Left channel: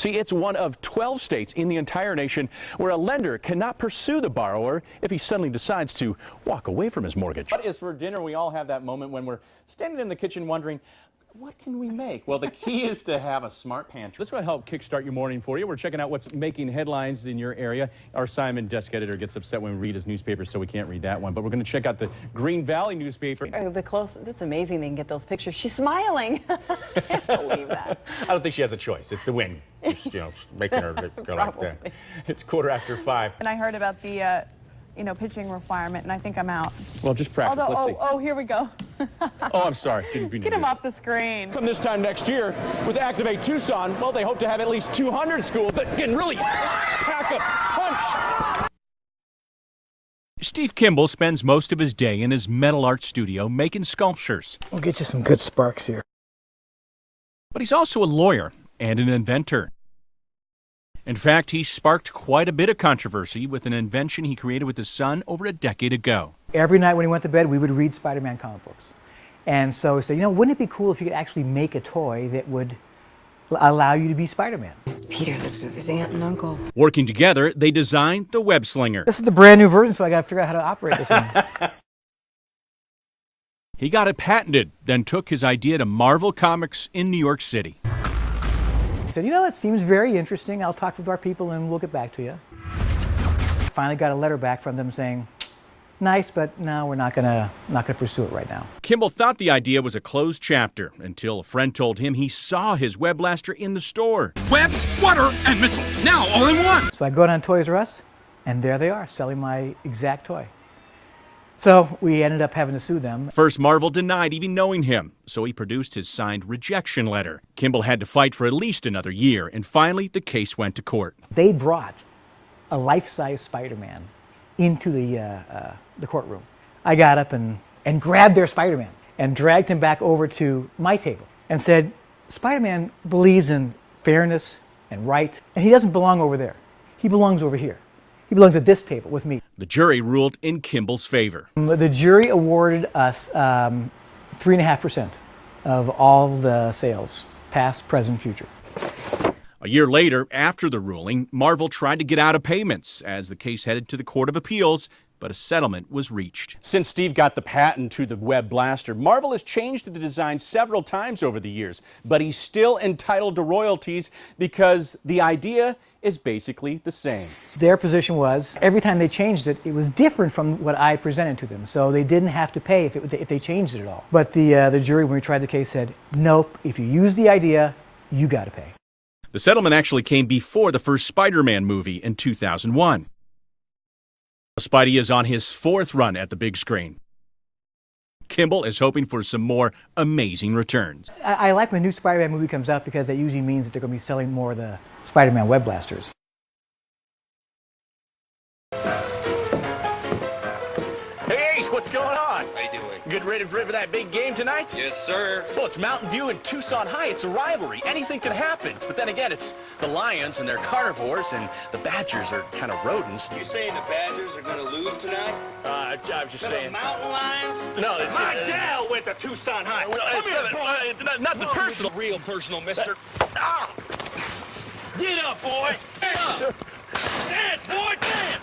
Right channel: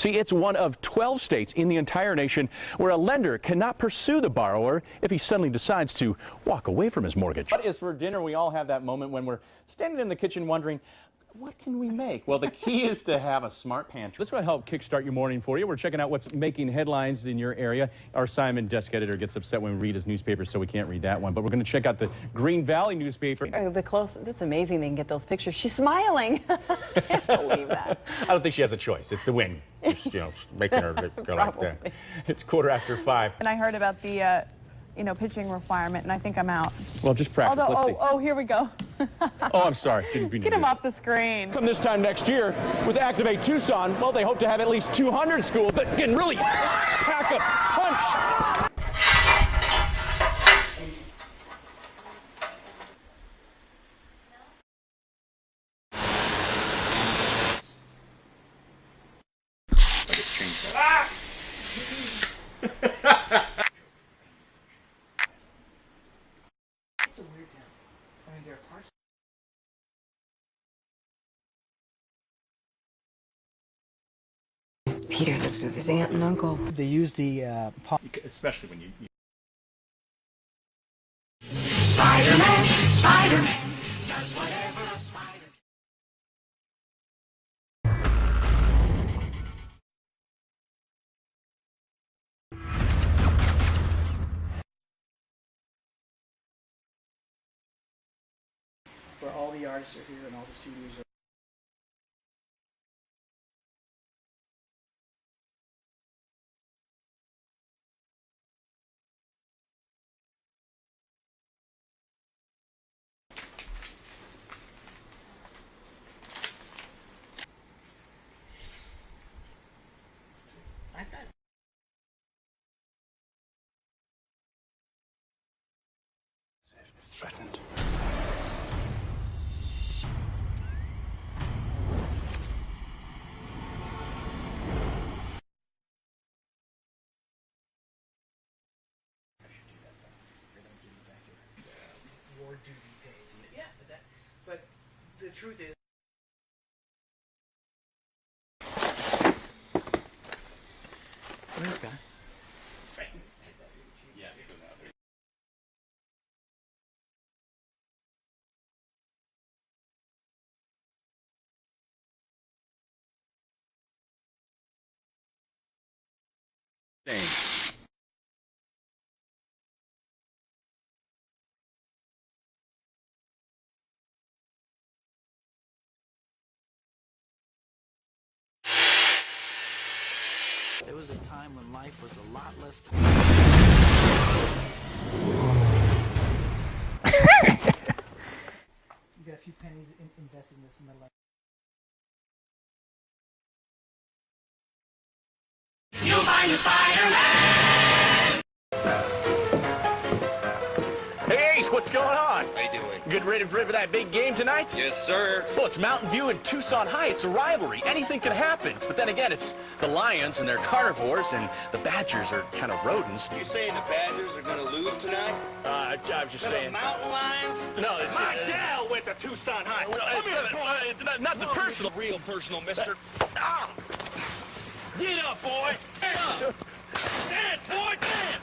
See, it's one of 12 states in the entire nation where a lender cannot pursue the borrower if he suddenly decides to walk away from his mortgage. What is for dinner? We all have that moment when we're standing in the kitchen wondering, what can we make? Well, the key is to have a smart pantry. This will help kickstart your morning for you. We're checking out what's making headlines in your area. Our Simon desk editor gets upset when we read his newspaper, so we can't read that one. But we're going to check out the Green Valley newspaper. The close, it's amazing they can get those pictures. She's smiling. I can't believe that. I don't think she has a choice. It's the wind, making her go like that. It's 5:15. And I heard about the, pitching requirement, and I think I'm out. Well, just practice. Let's see. Oh, here we go. Oh, I'm sorry. Didn't mean to Get him do that. off the screen. From this time next year, with Activate Tucson, well, they hope to have at least 200 schools that can really pack a punch. Steve Kimball spends most of his day in his metal art studio making sculptures. We'll get you some good sparks here. But he's also a lawyer and an inventor. In fact, he sparked quite a bit of controversy with an invention he created with his son over a decade ago. Every night when he went to bed, we would read Spider-Man comic books. And so we said, wouldn't it be cool if you could actually make a toy that would allow you to be Spider-Man? Peter lives with his aunt and uncle. Working together, they designed the web slinger. This is the brand new version, so I got to figure out how to operate this one. Spider-Man, Spider-Man. He got it patented, then took his idea to Marvel Comics in New York City. I said, that seems very interesting. I'll talk with our people and we'll get back to you. Finally got a letter back from them saying, nice, but no, we're not gonna pursue it right now. Kimball thought the idea was a closed chapter until a friend told him he saw his web blaster in the store. Webs, water, and missiles, now all in one. So I go down to Toys R Us, and there they are, selling my exact toy. So we ended up having to sue them. First, Marvel denied even knowing him, so he produced his signed rejection letter. Kimball had to fight for at least another year, and finally the case went to court. They brought a life-size Spider-Man into the courtroom. I got up and grabbed their Spider-Man and dragged him back over to my table and said, Spider-Man believes in fairness and right, and he doesn't belong over there. He belongs over here. He belongs at this table with me. The jury ruled in Kimball's favor. The jury awarded us 3.5% of all the sales, past, present, future. A year later, after the ruling, Marvel tried to get out of payments as the case headed to the Court of Appeals, but a settlement was reached. Since Steve got the patent to the web blaster, Marvel has changed the design several times over the years, but he's still entitled to royalties because the idea is basically the same. Their position was, every time they changed it, it was different from what I presented to them, so they didn't have to pay if they changed it at all. But the jury, when we tried the case, said, nope, if you use the idea, you got to pay. The settlement actually came before the first Spider-Man movie in 2001. Spidey is on his 4th run at the big screen. Kimball is hoping for some more amazing returns. I like when a new Spider-Man movie comes out because that usually means that they're going to be selling more of the Spider-Man web blasters. You'll find a Spider-Man. Hey, Ace, what's going on? How you doing? Getting ready for that big game tonight? Yes, sir. Well, it's Mountain View and Tucson Heights, a rivalry. Anything can happen. But then again, it's the Lions and they're carnivores, and the Badgers are kind of rodents. You saying the Badgers are going to lose tonight? I was just saying. The Mountain Lions? No, this My gal went to Tucson Heights. Nothing personal. Real personal, mister. Ah! Get up, boy. Get up. Stand, boy, stand.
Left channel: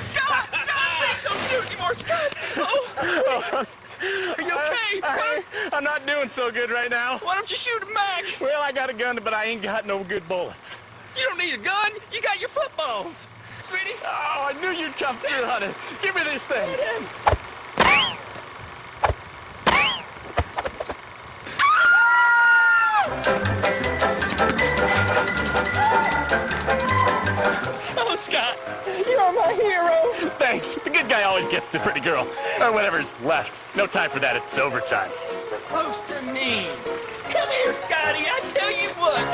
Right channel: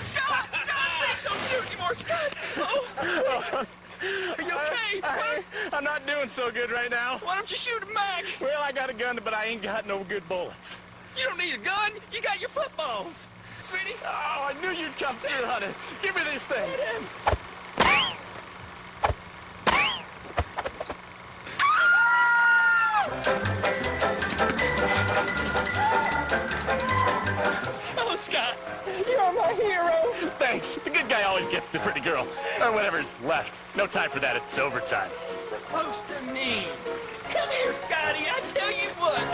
Scott! Please don't shoot anymore, Scott! Oh. Are you okay? I'm not doing so good right now. Why don't you shoot him back? Well, I got a gun, but I ain't got no good bullets. You don't need a gun. You got your footballs. Sweetie? Oh, I knew you'd come through, honey. Give me this thing. Oh, Scott, you're my hero. Thanks. The good guy always gets the pretty girl. Or whatever's left. No time for that. It's overtime. Supposed to mean. Come here, Scotty. I tell you what.